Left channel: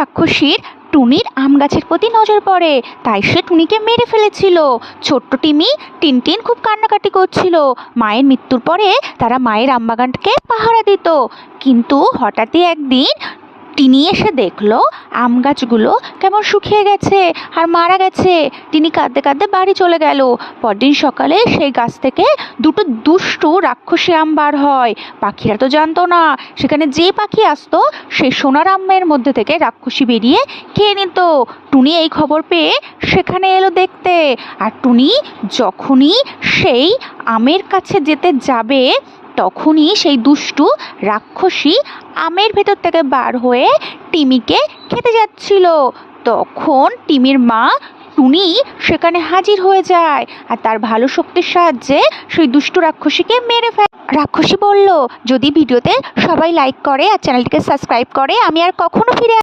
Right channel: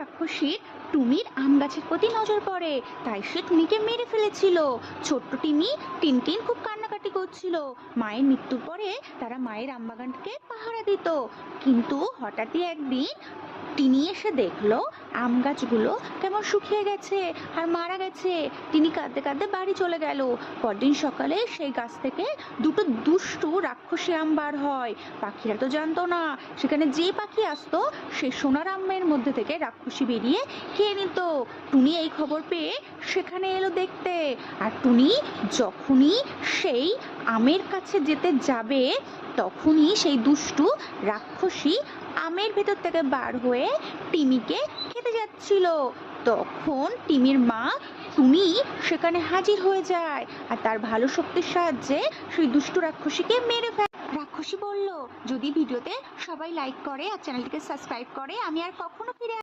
রাক্ষসীর টুনির আম গাছের প্রতি নজর পড়ে, তাই সে টুনিকে মেরে ফেলেছিল। ছোট্ট টিমি টিনটিন খুব কান্নাকাটি করছিল। মায়ের মৃত্যুর পরে তারা মায়ের আম বাগানকে পাহারা দিত। কিন্তু হঠাৎই একদিন টিনি এসে দেখলো আম গাছগুলো কেমন শুকিয়ে গেছে আর মারা গেছে। টিনি কাঁদতে কাঁদতে বাড়ি চলে গেল। পরদিন সকালে সেই গাছ থেকে দুটো দুষ্টু রাক্ষসী আম বার হয়। পাখিরা তো জানতো না, সেখানে যে পাখি আসতো সেই সোনার আমের মধ্যে থেকে রাক্ষসী বেরিয়ে খেয়ে নিত। টুনি এই খবর পেয়ে সেখানে এলো দেখতে। আর টুনি যখনই সেই আমের কাছে যেতে যাবে তখনই সেই দুষ্টু রাক্ষসী আমের ভেতর থেকে বার হয়ে টিমিকে খেতে যাচ্ছিল। তখন টিমির মা টুনি সেখানে হাজির হয়ে যায় আর তার ভালো শক্তির সাহায্যে সেই দুষ্টু রাক্ষসীকে মেরে ফেলে। রাক্ষসী বলল, যদি ভিডিওতে সবাই লাইক করে আর চ্যানেলটিকে সাবস্ক্রাইব করে আমি আর কখনো ফিরে